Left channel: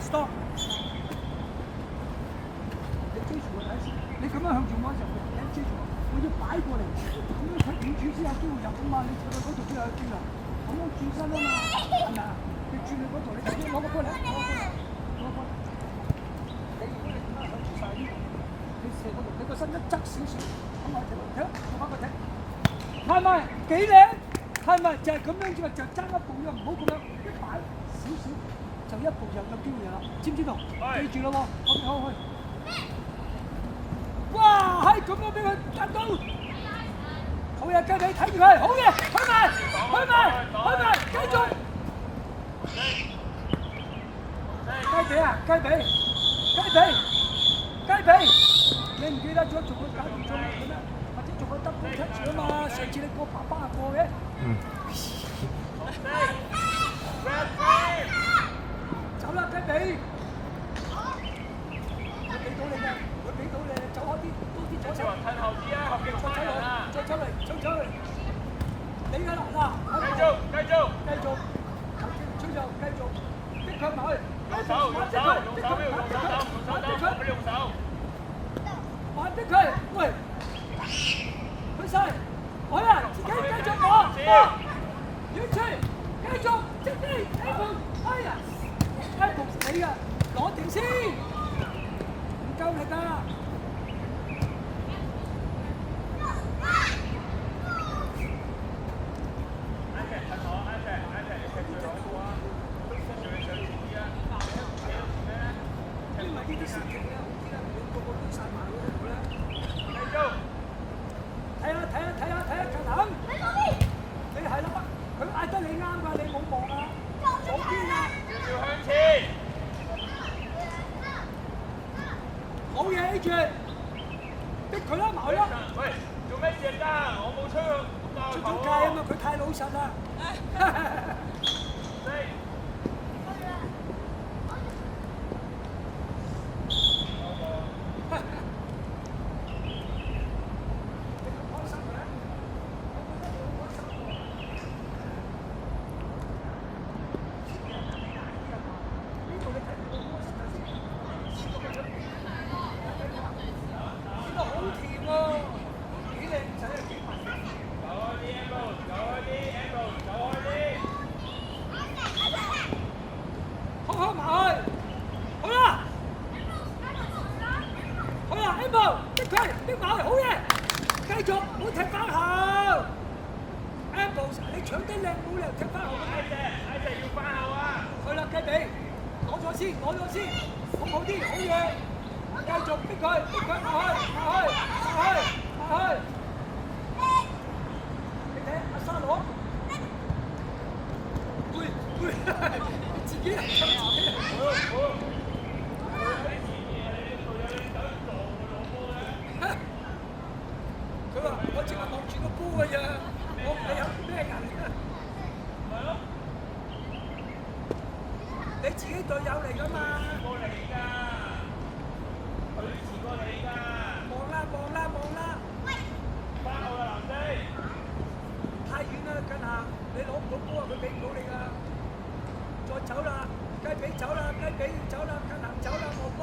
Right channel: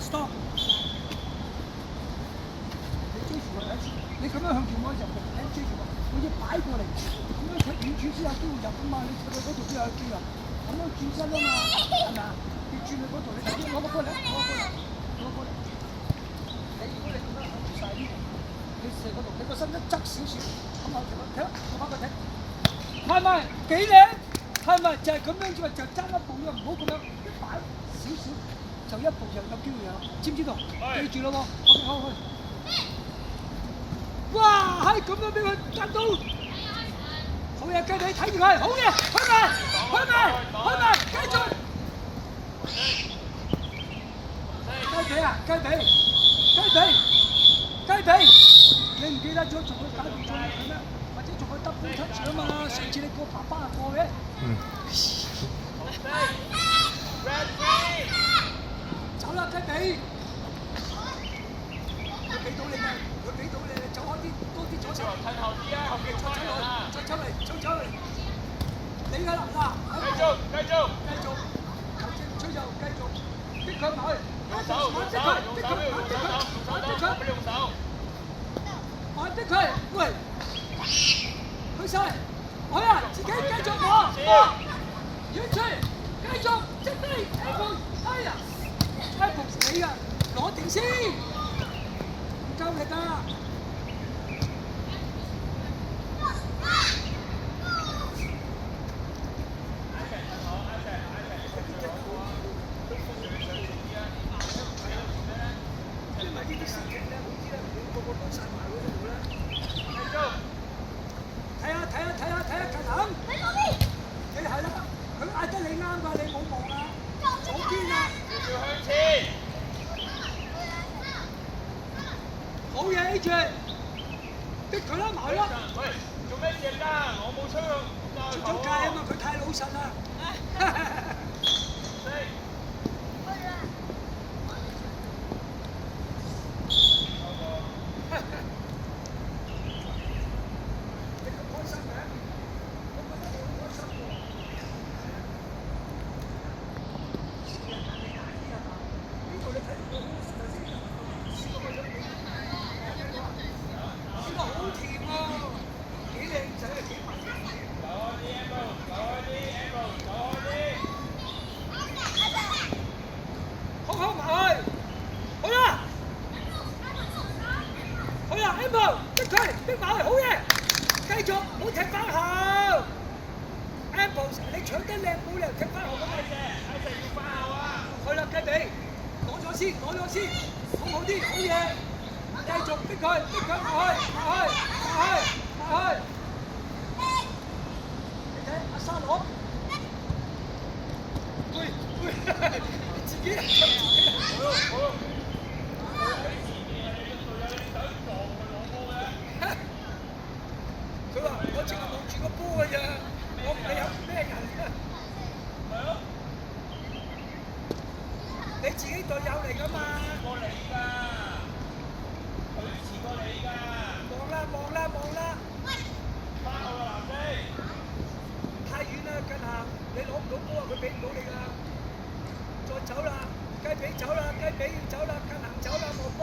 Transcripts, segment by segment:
stop！你追住佢，你咁樣向住我入嘅，你追住我，我要擺過嚟，咁樣佢遠處先有機會入啊嘛！你去到嗰度邊有得追啊？咁樣轉身啊嘛，係咪啊？你轉去嗰度，你直接攞個波嚟，攞個波嚟，攞個波嚟。你如果你咁樣向住晒呢度，你射嗰度，你個身一側少少，咁我就睇，我翻個睇，係咪幾靚？係咪就係咁樣啫嘛？就爭一步啫，唔好咁樣一擺少少。就一步就有機會啦，知唔知道？記住咯喎，好去。哇，係咁樣俾佢得到，好嘢，雞髀睇住佢，好嘢，去埋，繼續。雞髀啊，雞髀，你唔記得咗做個假動作係咩？或者做個double touch啊嘛？上次你個爸爸過嘅。走啦，雞髀！佢俾到你㗎，走開啲，多啲走手，睇後啲啊，後邊再出嚟，你㗎啦，哇！繼續，吹就繼續，逼佢埋去，逼佢，喂，去晒，去啊，自己繼續攞，遠吹，繼續，即飛，哎呀！開幕死啊！攞定先，唔夠力㗎！因為呢啲時期咧，好啲啦，個個都曬埋嗰度啦。睇下近行，你係啦，佢嗌得你啱㗎，你冇望啊，左邊啊！好嘢 A 住，逼佢啦埋啦！喂，做咩嘢㗎？我冇出咗界啊嘛，佢太老實啦。逼埋，好嘢！繼續，唔好踢翻後。Apple， 你搶得靚，冇理由踢翻後。Ice要翻後啊！去啦，雞髀，攞咗先，好啲，好嘢！繼續逼佢，落去。你睇阿沙羅，自己好。佢話：我淨係望住個波㗎咋，我唔理有咩人㗎。係咯，你自己隊友嚟㗎嘛？遲過你㗎，佢遲過你㗎。望啦！喂，翻後啦，藍飛。太遠啦，近下你攞唔到波啊，佢俾唔到你㗎。再走啦，雞髀走啦，近行走啦，望波，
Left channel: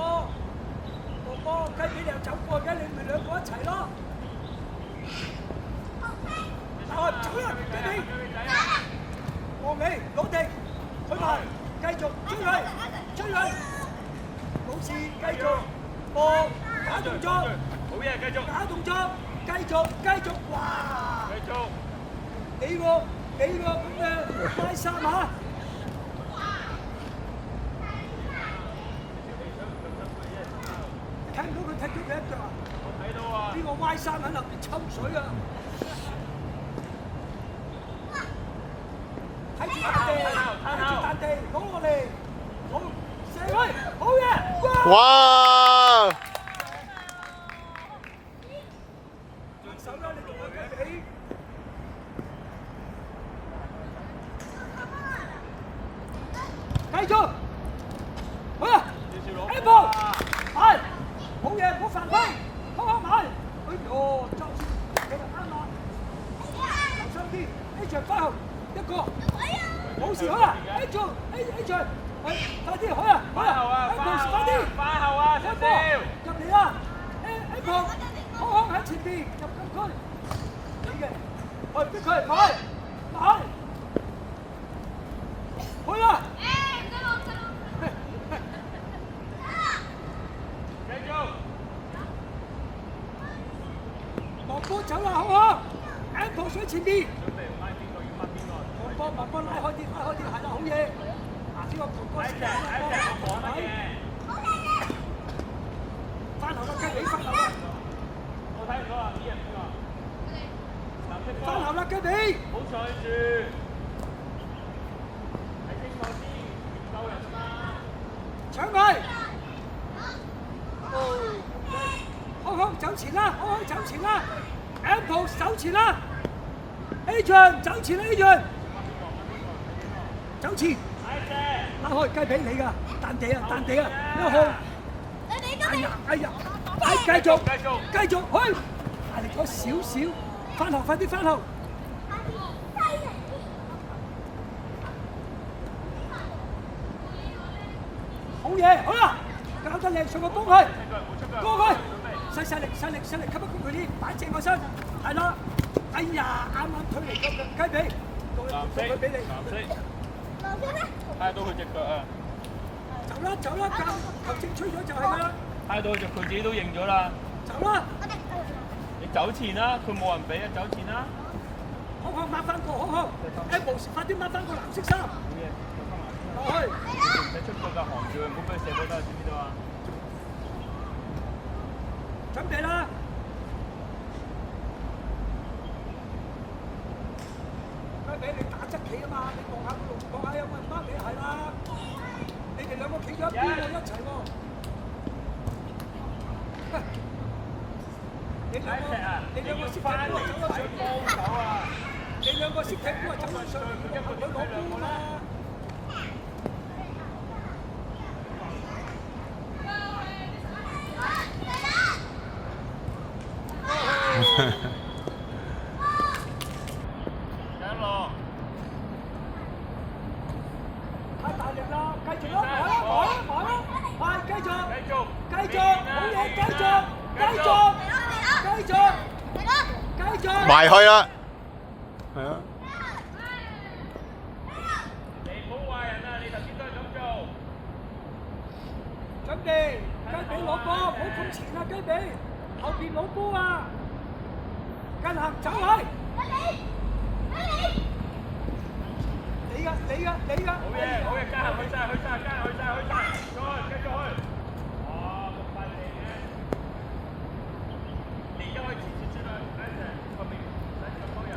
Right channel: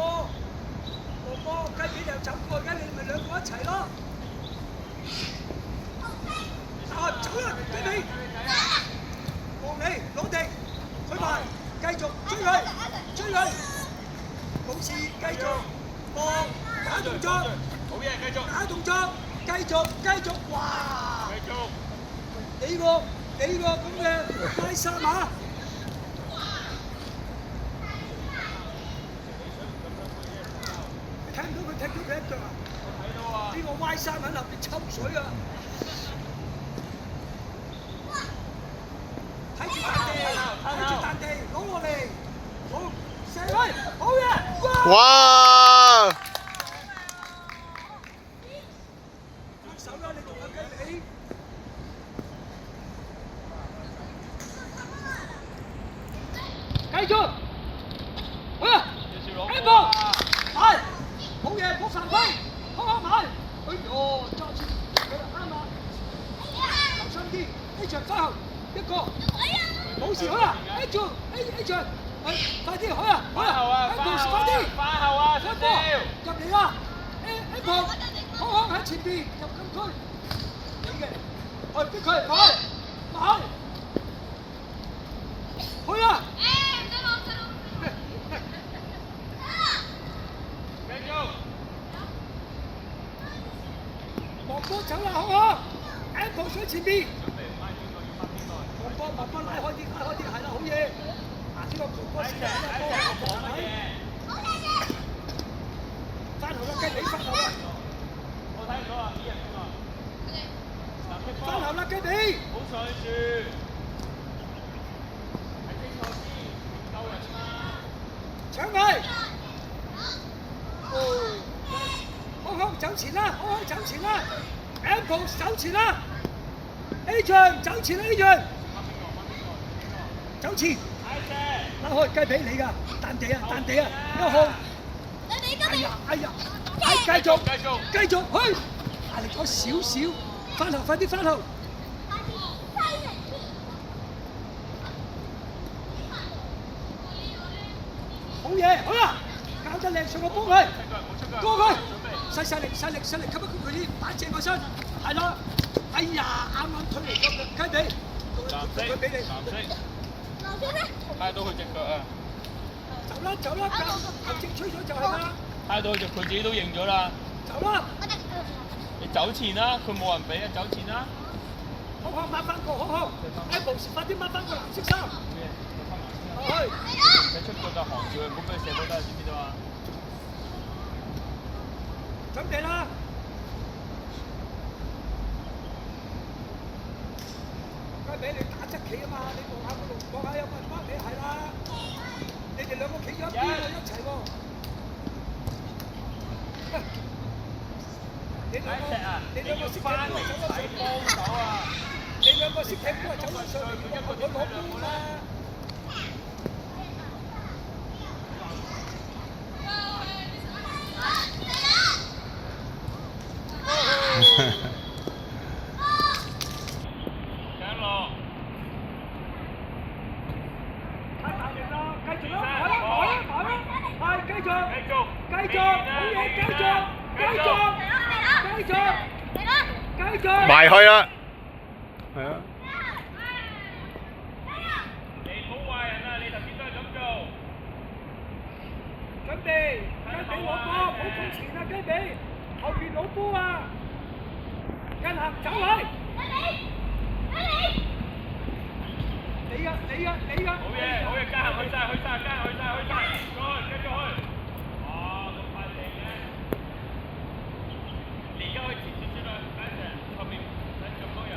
雞髀又走過嘅，你咪兩個一齊咯。走啦，雞髀！望你攞定，去埋，繼續追佢，冇事，繼續，打動作，好嘢，繼續。打動作，繼續，哇！繼續。你個咁嘅拉薩馬，水啊！睇住笪地，睇住笪地，攞落嚟，好，射開，好嘅，哇！手啦，你同我計起。繼續，好啊 ，Apple， 係，好嘢，唔好犯規，好好埋，哎呦，揸住，好啦，啱啦，留心啲 ，A 場翻後，一個，冇事好啊 ，A 場，快啲好啊，Apple 快啲，翻後啊，少少。入嚟啦 ，Apple， 好喺前邊，入禁區，你嘅，逼佢，快，去啊！繼續。莫波走啦，好唔好 ？Apple 上前邊。莫波拉開啲，係啦，好嘢。嗱，呢個球波先啦，翻後啦，雞髀翻後啦。我睇唔到啊，啲人點啊？翻後啦，雞髀。好上住。睇清楚先，夠人啦。搶佢！好走前啦，好走前啦 ，Apple 走前啦 ，A 場走前 A 場，走前，拉開雞髀你㗎，彈地啊，1號，哎呀，繼續，去，大力咗少少，翻後，快啲翻後。好嘢，好啦，搞得靚，上個波去，過去，細力，吸一谷佢啲，打正個身，係啦，哎呀，啱推嚟個雞髀，佢俾你，睇到佢隻腳啊！走啦，球證吹咗就係㗎啦，睇到佢自己都認咗啦。走啦，你走前啦，佢冇人俾啊，走前啦。好抹翻個，好 ，Apple 快啲抹翻個藍色衫，去。你出過架航照，唔好俾佢射波得，知唔知道啊？準備啦！雞髀你打側企啊嘛，你望下有冇媽咪係啦，你哋兩個企咗一邊喎，一齊喎。你兩個識踢波走得上幫手啊！你兩個識踢波走得上嚟，佢冇波啦。埋去啦，係啊！你好壞人啊！你頭先都係咁做。準備，雞髀攞波，好靠前啊！雞髀，後邊攞波啊！跟行走位，你啊！好嘢，加行去晒，再繼續去。哦，咁快嚟嘅。而家可以前啦，後面唔使咁多人。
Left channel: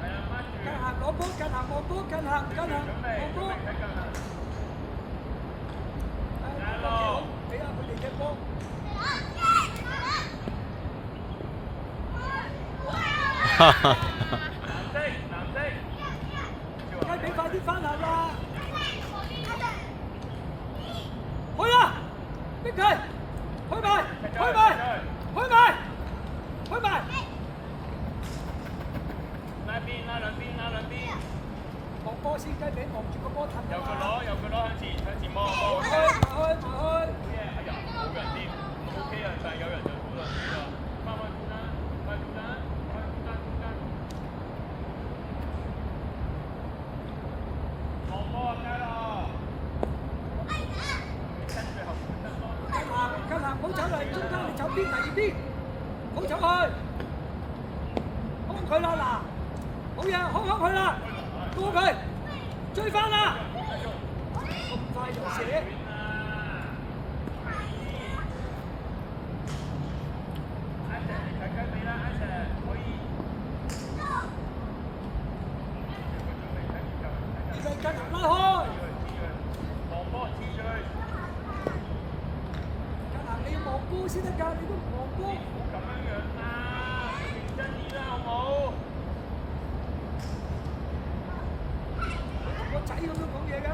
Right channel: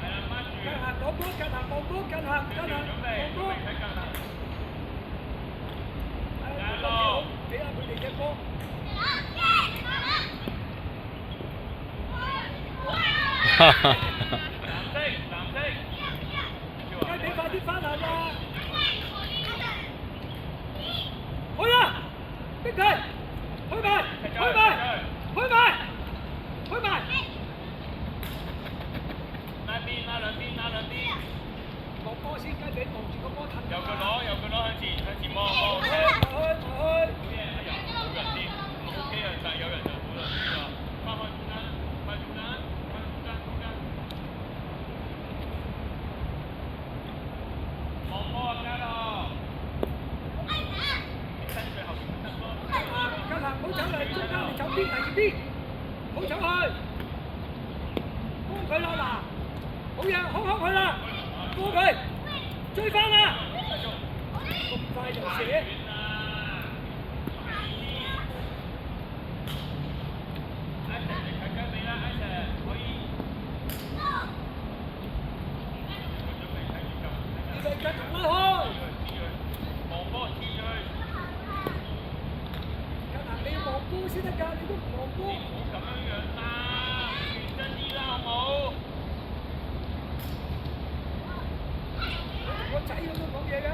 係啦，掹住。跟行攞波，跟行攞波，跟行攞波。俾佢哋嘅波。哈哈。藍色。雞髀快啲翻下啦！去啊！逼佢，去埋！兩邊。望波先，雞髀望住個波騰。右腳攞向前望。好嘢，哎呀，冇人添。OK 啊，但係有人就好啦，呢個。翻中間。望波啊，加咯。跟行唔好走嚟中間，你走邊嚟邊，唔好走去。控佢啦嗱，好嘢，控佢啦，過佢，追翻啦。咁快就射。波先得㗎，你都黃波。咁樣樣啦，認真啲啦，好唔好？我仔佢都講嘢㗎。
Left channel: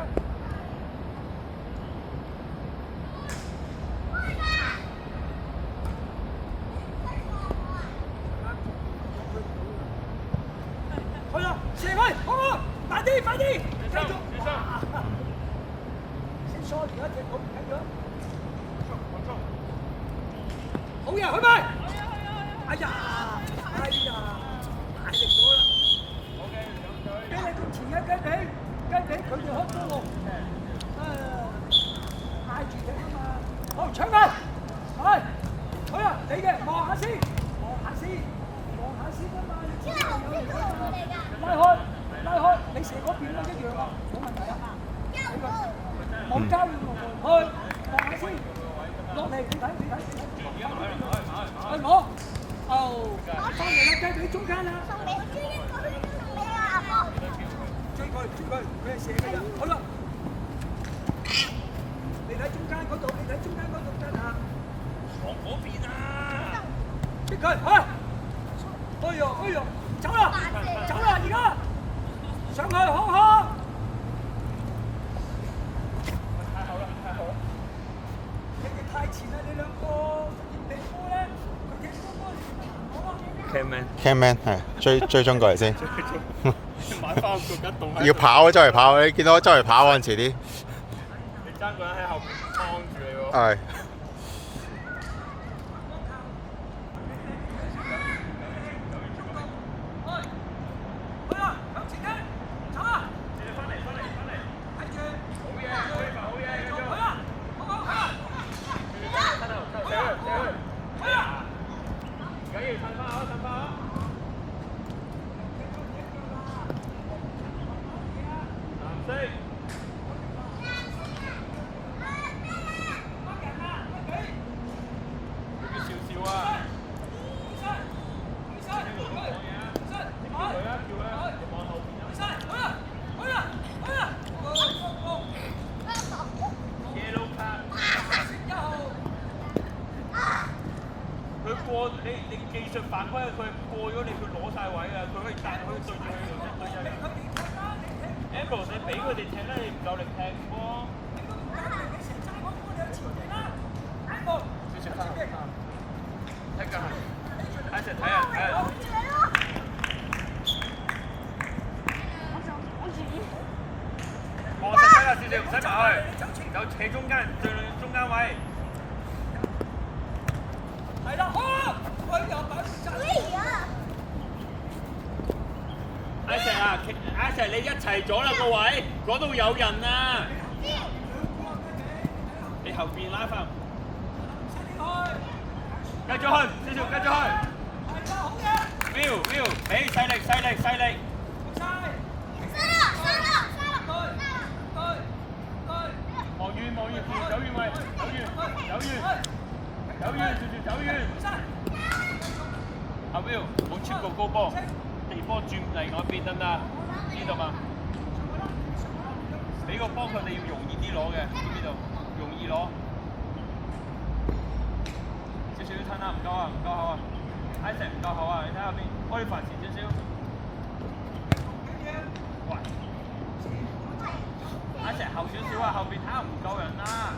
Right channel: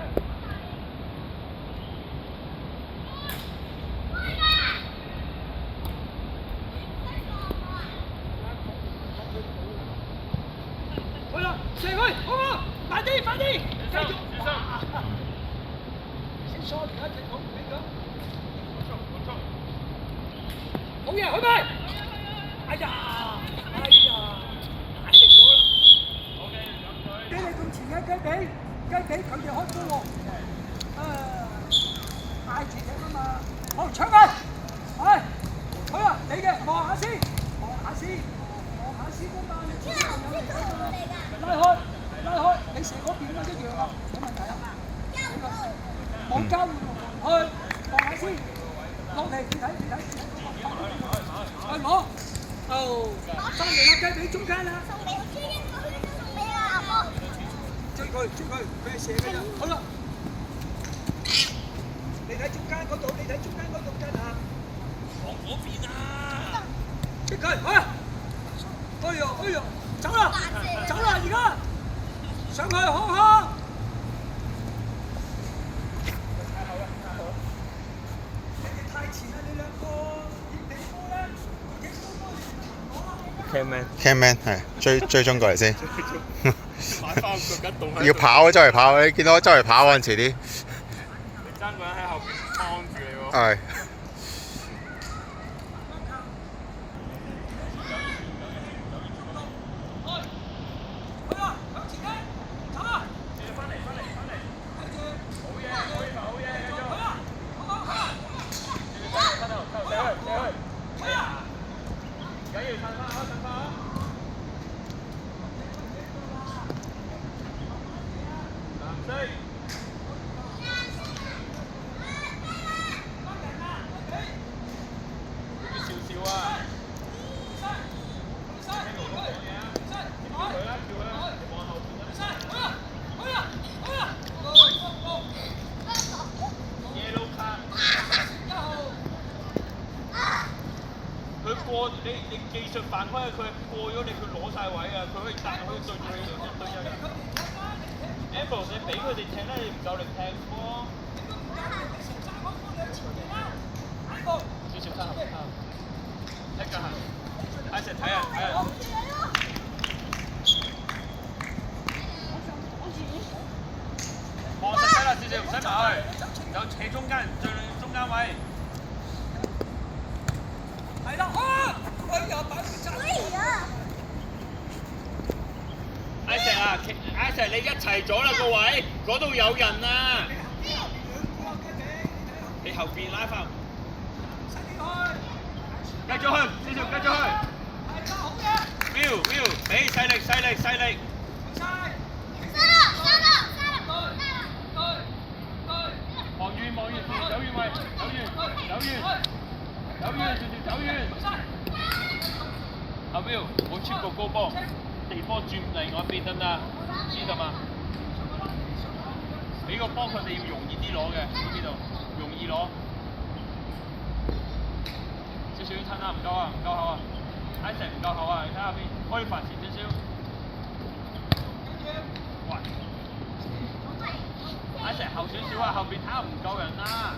去啊！射去，好啊！快啲，快啲！繼續。先疏而家隻腳睇咗。好嘢，去咪！哎呀！哎呀！大力咗啦！雞你咁前嘅雞髀佢就開波喎。嗌住隻啊嘛！好搶佢！係，去啊！你嘅望下先，望下先啊嘛！拉開，你射嗰邊都一樣啊，冇問題啊。冇交換喎，去望下先，落嚟你睇，係我，收嚟啦，雞髀中間啦，追佢，咩射啊？好啦，你睇中間嗰度真係，往嗰邊啊！逼佢，哎呀，走啦，而家上去好。太前啦！你兩個點地波咧？Can man， Camman 係追蹤過嚟先。買翻個腳動要跑啊，周圍跑，你見到我周圍跑嗰陣時啲。你爭個人喺後邊幫住你喎。係。你技術犯規，佢過咗你，佢攞晒位㗎，佢可以對住佢哋對陣。Ambrose 你俾佢哋踢啦，你唔夠力踢波。少少差，一個係，一齊睇人。我識睇啦，少少唔使埋去，有企中間，最中間位。係啦，阿成你一齊咗啦個位，嗰度有人啊！你後邊拉翻，繼續去，繼續去。Will，俾細力。望遠，走遠位，走遠。阿 Will，冇超過高波，地波轉嚟我邊得啦，知道嘛？俾個波佢哋要容易啲攞嘅，知道？容易攞。少少親啦，唔夠厚啊！挨成唔夠厚啊！你睇下邊，開發前少少。喂，挨成後少少啊，後邊啱唔夠人啦。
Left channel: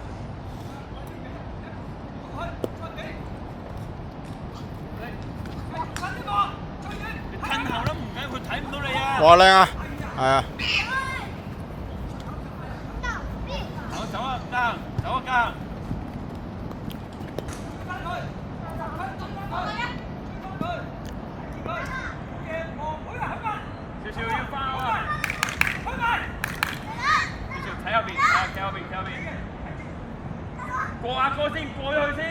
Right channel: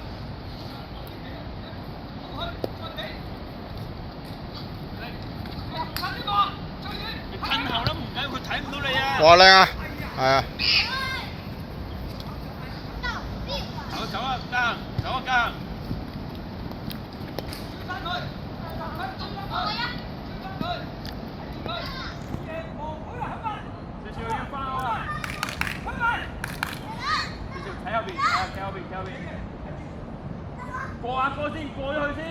你近後都唔緊，佢睇唔到你啊！哇靚啊，係啊。走啊，走啊！少少要翻啊！少少睇後邊，過下過先，過咗去先。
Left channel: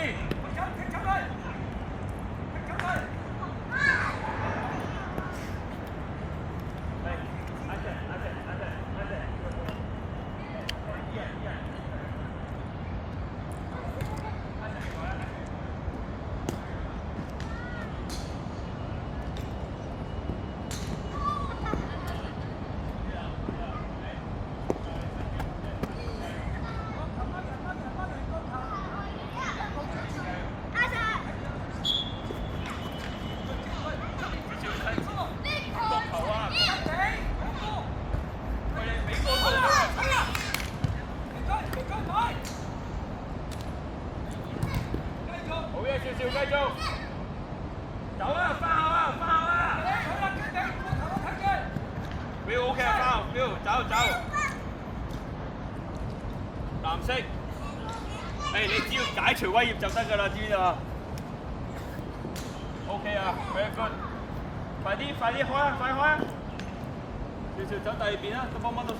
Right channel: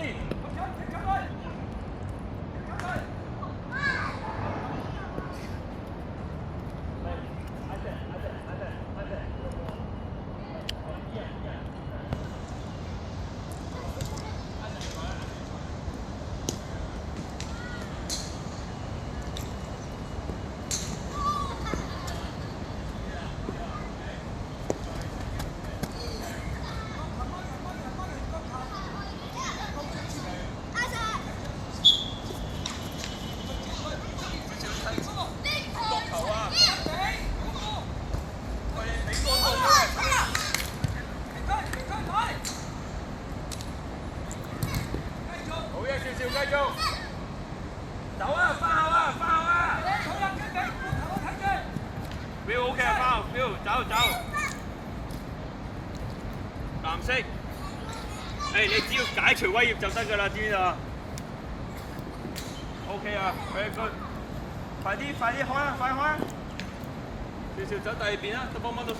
色。你只要解除威脅就得㗎啦，知唔知道 ？OK 啊 ，very good。快啲開啊，快開啊！少少走第二邊啦，都幫到手。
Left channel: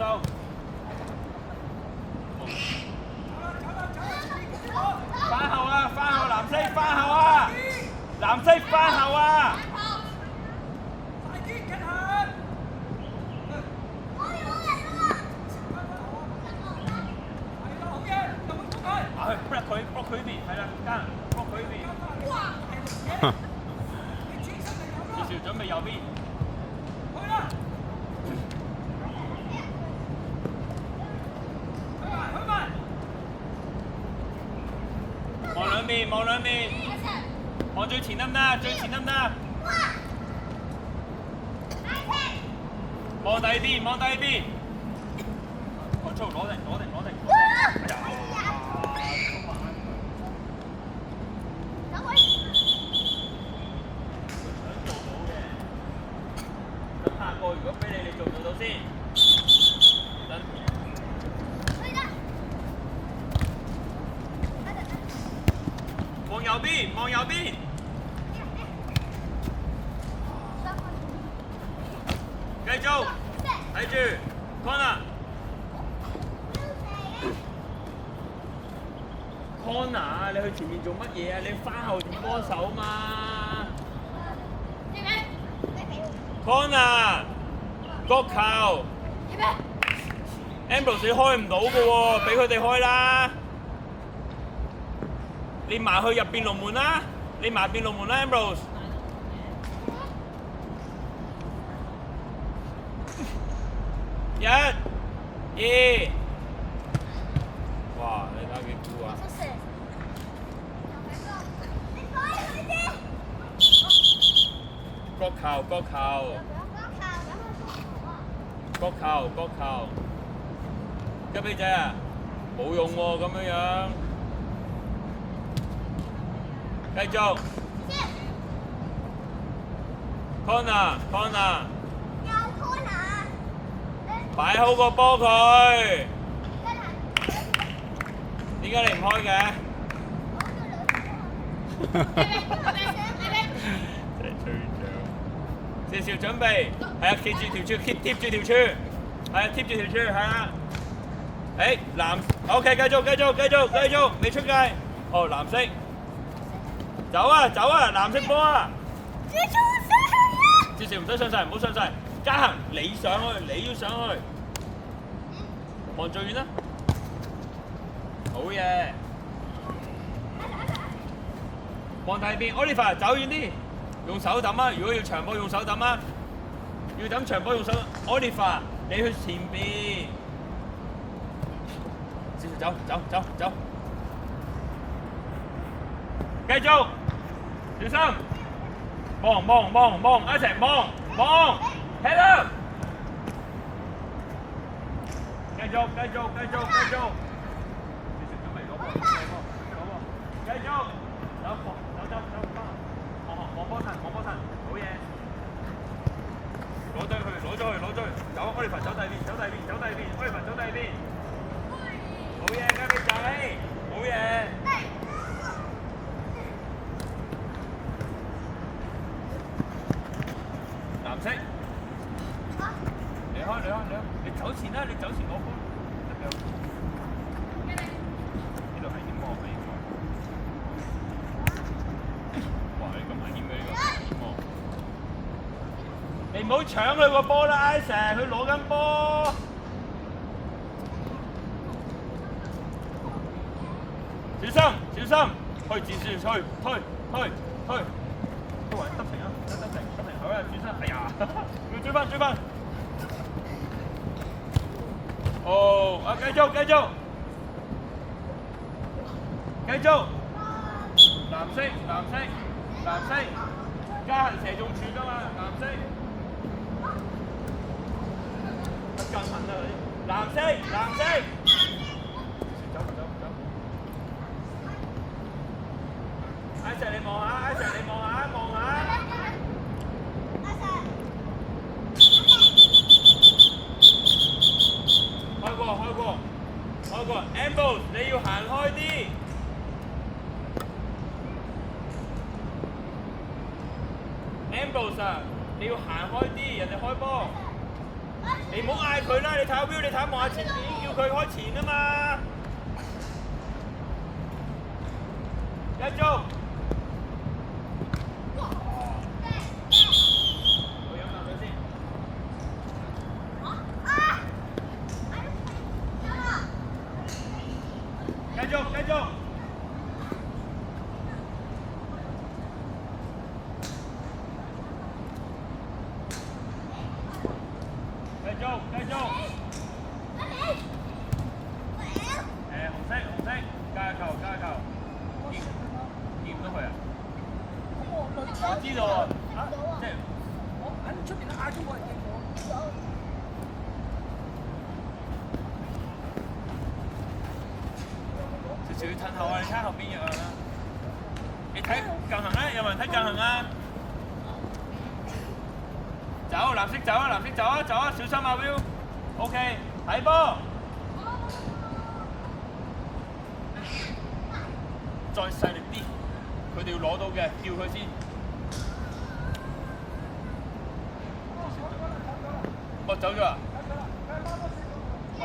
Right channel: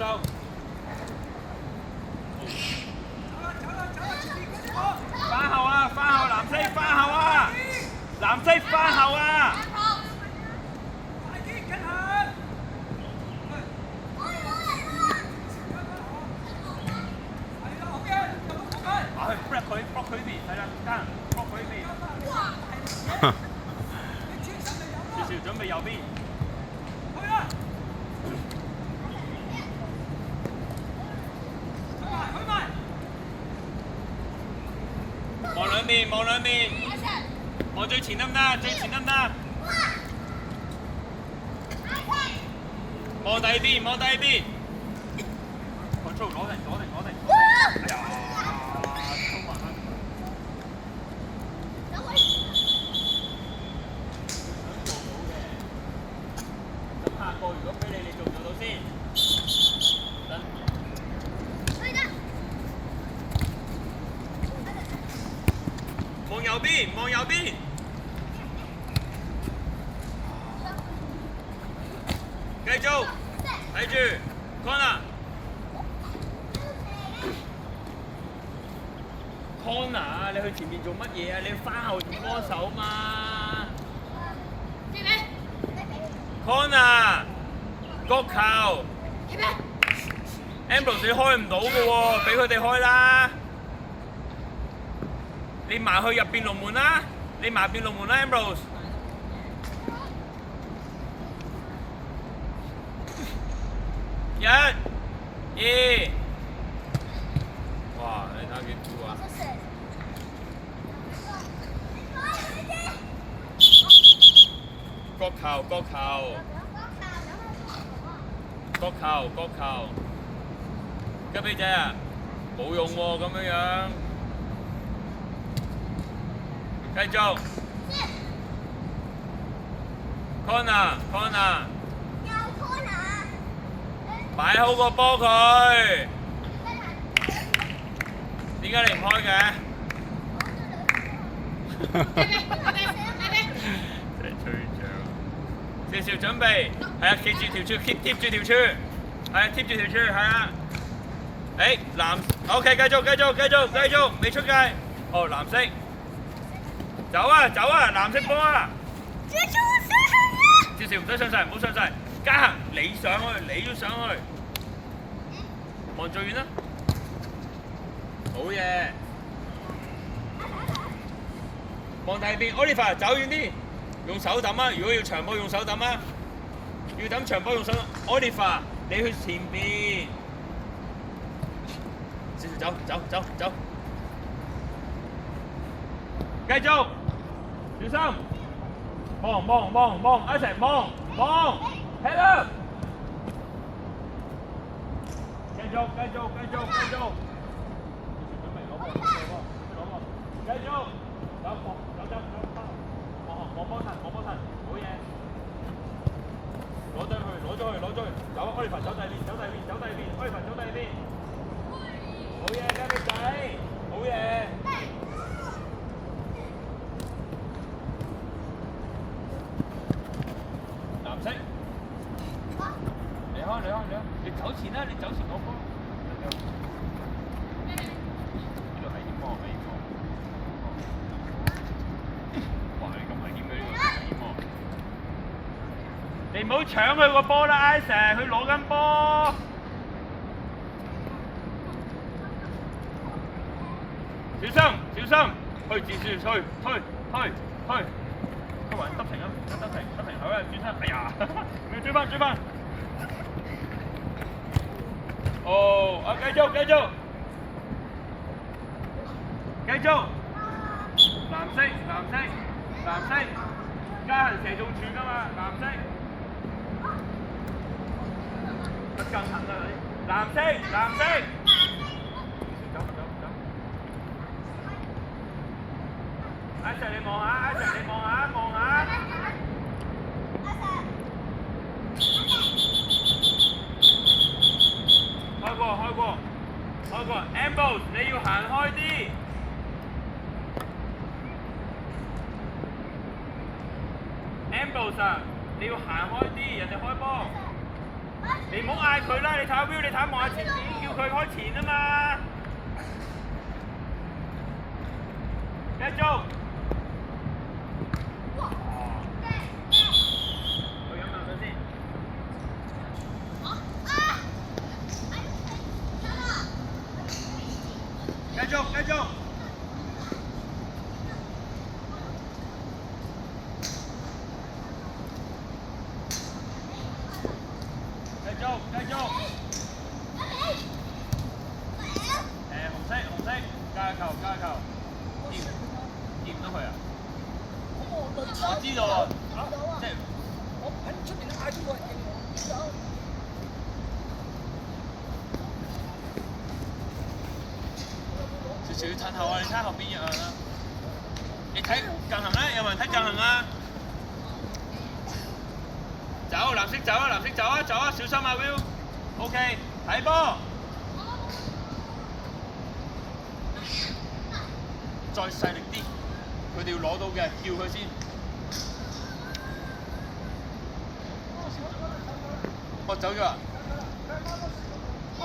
翻後啊，藍色翻後啊，藍色翻後啊！block 佢邊，係啦，得 block 佢邊。少少準備右邊。望兩邊，望最前得唔得？最前得唔得？望第二邊。操！攞定。如果俾你做唔做到先？望右邊。繼續，睇住 corner。你去前面做乜嘢啊？你翻後點幫手嘛 ？corner。角球 ，Ambrose 你開唔到嘅喎，俾佢哋開啦。你埋去入邊龍門啦，Ambrose。1、2，哇！你睇下幾酷啊！角球，雞髀仔啊，冇用喎咁樣。繼續 ，corner，擺好個波佢。點解你唔開嘅？真係吹脹。少準備，係啊，貼住條柱，貼住條柱。係貼住條柱，係啊！藍 ，OK， 繼續，未出界。哦，藍色，走啊，藍色波啊！少少唔使上晒，唔好上晒。嘉恒，你上去，你要上去。望最遠啦。好嘢。望第二邊 ，Oliver 走遠啲，用手揼啊！如果要長波用手揼啊，要揼長波用手 ，Oliver。你去前邊，少少走，繼續，小心，望，一齊望，睇啦，繼續，少少準備攞波，繼續，走，望波神，好嘢。攞咗去，走，Oliver走第二邊，Oliver走第二邊，好嘢，雞髀仔，好嘢。藍色，你開，你走前啦，攞波。呢度係點望？哇！你咁危險嘅呢個。你唔好搶佢個波啦 ，Isaac， 佢攞緊波。小心，去前去，推，都話得停啊，得停，好啊，轉身，哎呀，要追翻。哦，啊，繼續，藍色，加人射中柱㗎嘛，藍色。不夠行啊你！藍色。一齊你望下。開過。個 Ambrose 你要行開啲。Ambrose 啊，你要行開啲，人哋開波。你唔好嗌佢啦，你睇下 Will， 你睇下望下前面，叫佢開前啊嘛。繼續。我飲啖水先。繼續，繼續。繼續。紅色，加球，掂到佢啊！我知道啊，即係我喺出邊嗌咗冇人應我。少少褪後啊！你睇後邊有人啦。你睇近行啊！有冇人睇近行啊？走，藍色走啊！小心啊 Will。OK， 睇波。再細力啲，佢哋要攞到嘅，叫佢先。哦，走咗啦。哦。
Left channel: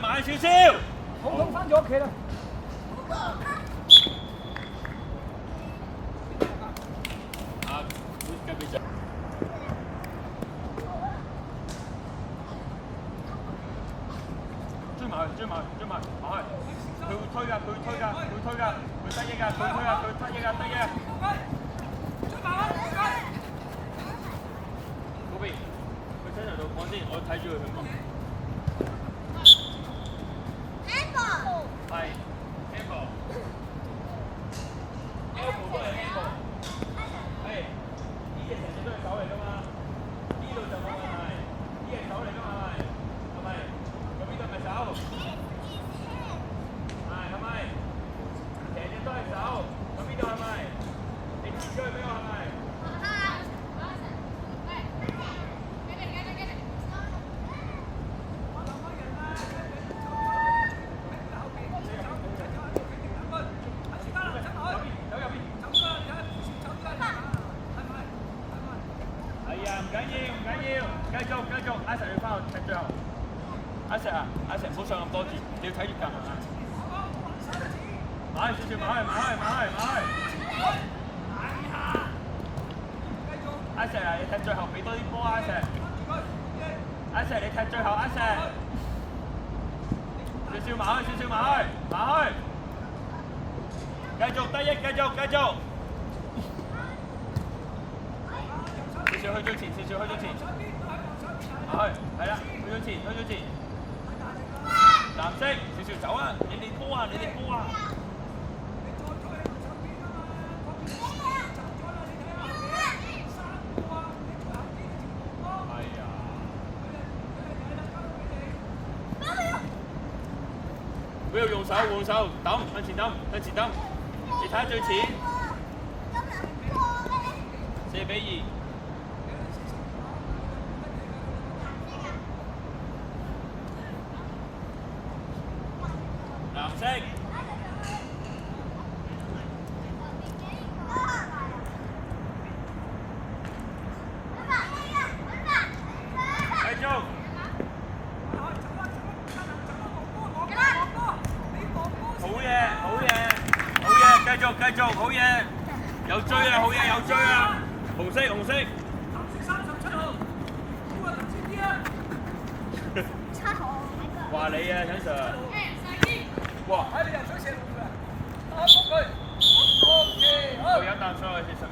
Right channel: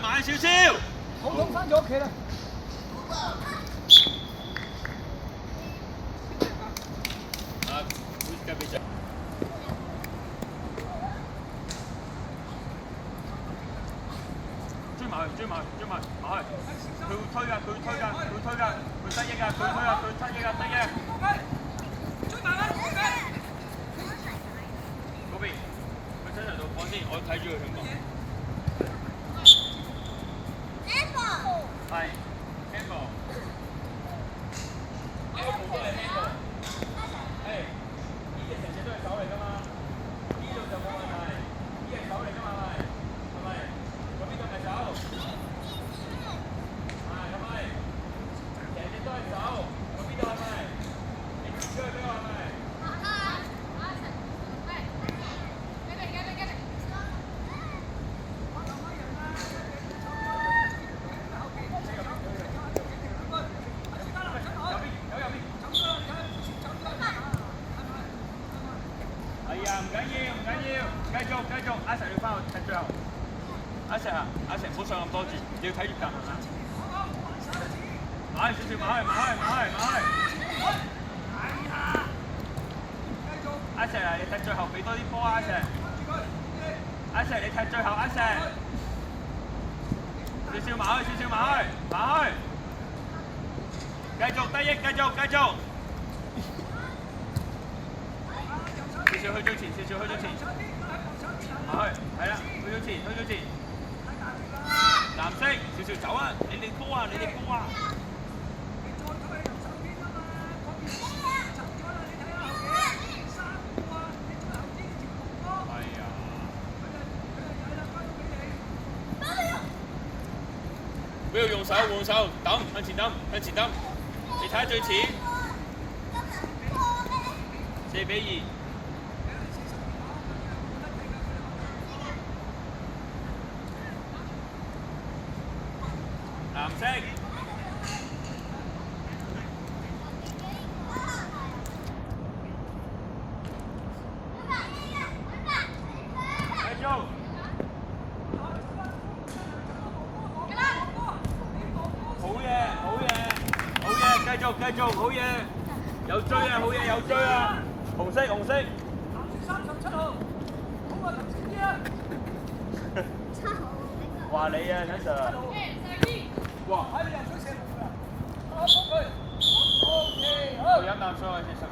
慢少少。肚痛翻咗屋企啦。追埋，佢會推㗎，佢得益㗎。嗰邊，佢身上度講先，我睇住佢咁啊。係 handball 都係 handball。呢隻成隻都係手嚟㗎嘛，呢度就冇問題，呢隻手嚟㗎嘛，係咪？咁呢度咪手？係咪？成隻都係手，咁呢度係咪？你貼出去俾我係咪？唔緊要，繼續，阿成你翻去踢最後。阿成唔好上咁多住，你要睇住近係咪？買少少，買去。阿成你踢最後俾多啲波阿成。阿成你踢最後阿成。少少買去。繼續得益，繼續。少少去到前，係啦，去到前，藍色，少少走啊！你哋波啊！不要用手，換手，抌，向前抌，你睇下最前，4-2。繼續，好嘢！有追啊！紅色。話你啊，陳 Sir。哇！